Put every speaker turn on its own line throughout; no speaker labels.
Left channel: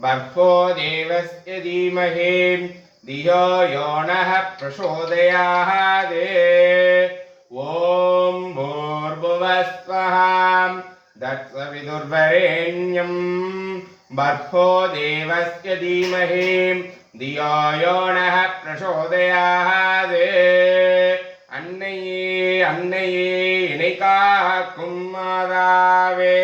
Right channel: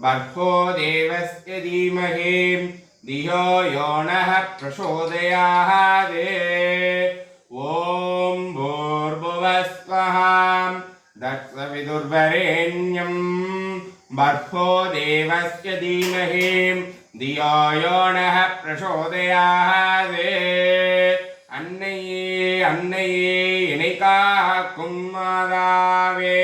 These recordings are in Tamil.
भर्गो देवस्य धीमहि धियो यो नः प्रचोदयात् ॐ भूर्भुवस्वः दत्सविदुर्वरेण्यं भर्गो देवस्य धीमहि धियो यो नः प्रचोदयात् அன்னையே அன்னையே இணை காக்கும் மாதாவே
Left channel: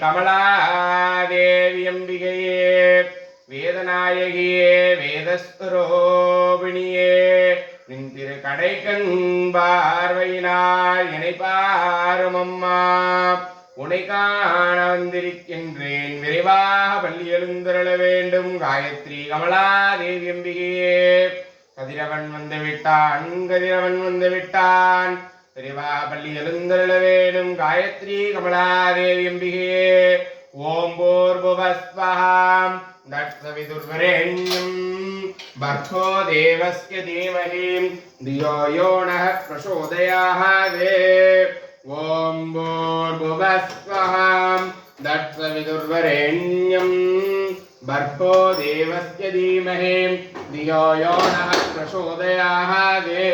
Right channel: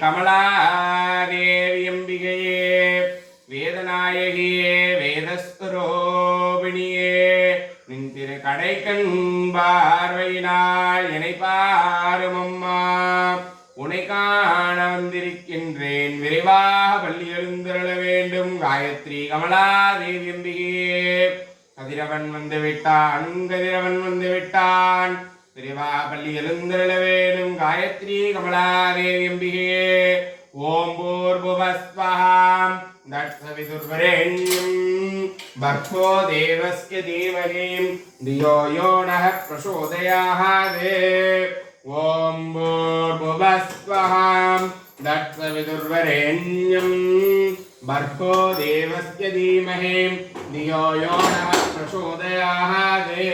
கமலாதேவியம்பிகையே வேதநாயகியே வேதஸ்வரோபிணியே நின் திரு கடைக்கண் பார்வையினால் இணை பாரும் அம்மா. உனை காண வந்திருக்கின்றேன். விரைவாக பள்ளி எழுந்தருள வேண்டும். காயத்ரி கமலாதேவி அம்பிகையே கதிரவன் வந்து விட்டான். கதிரவன் வந்து விட்டான். பெரியவா பள்ளி எழுந்தருள வேண்டும். गायत्री कमलादेव्यम्भिः ॐ भूर्भुवस्वहां दट्सविदुर्वरेण्यम् भर्गो देवस्य धीमहि धियो यो नः प्रचोदयाहे ॐ भूर्भुवस्वहां दट्सविदुर्वरेण्यम् भर्गो देवस्य धीमहि धियो यो नः प्रचोदयाहे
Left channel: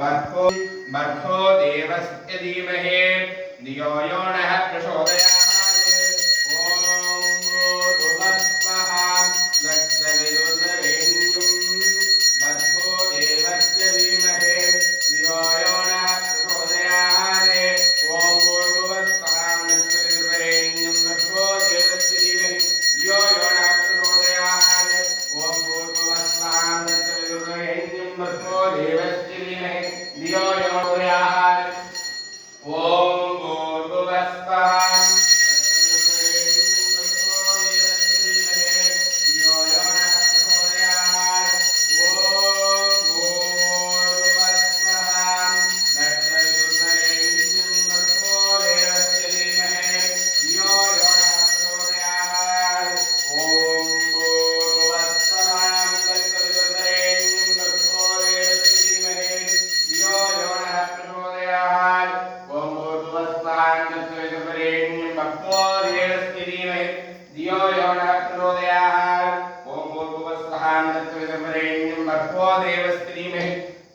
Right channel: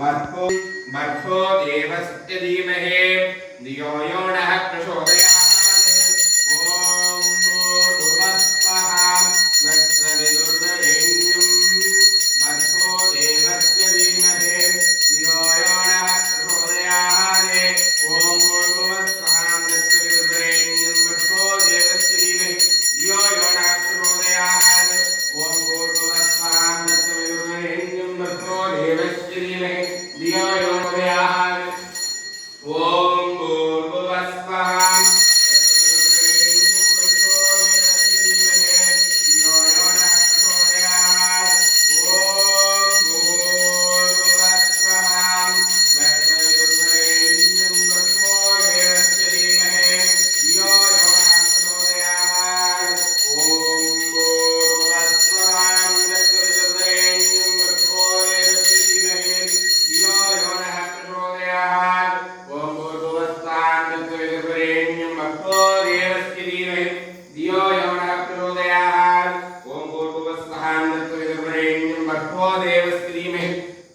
भर्गो भर्गो देवस्य धीमहि धियो यो नः प्रचोदयात्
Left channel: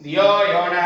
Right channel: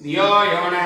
dio y ahora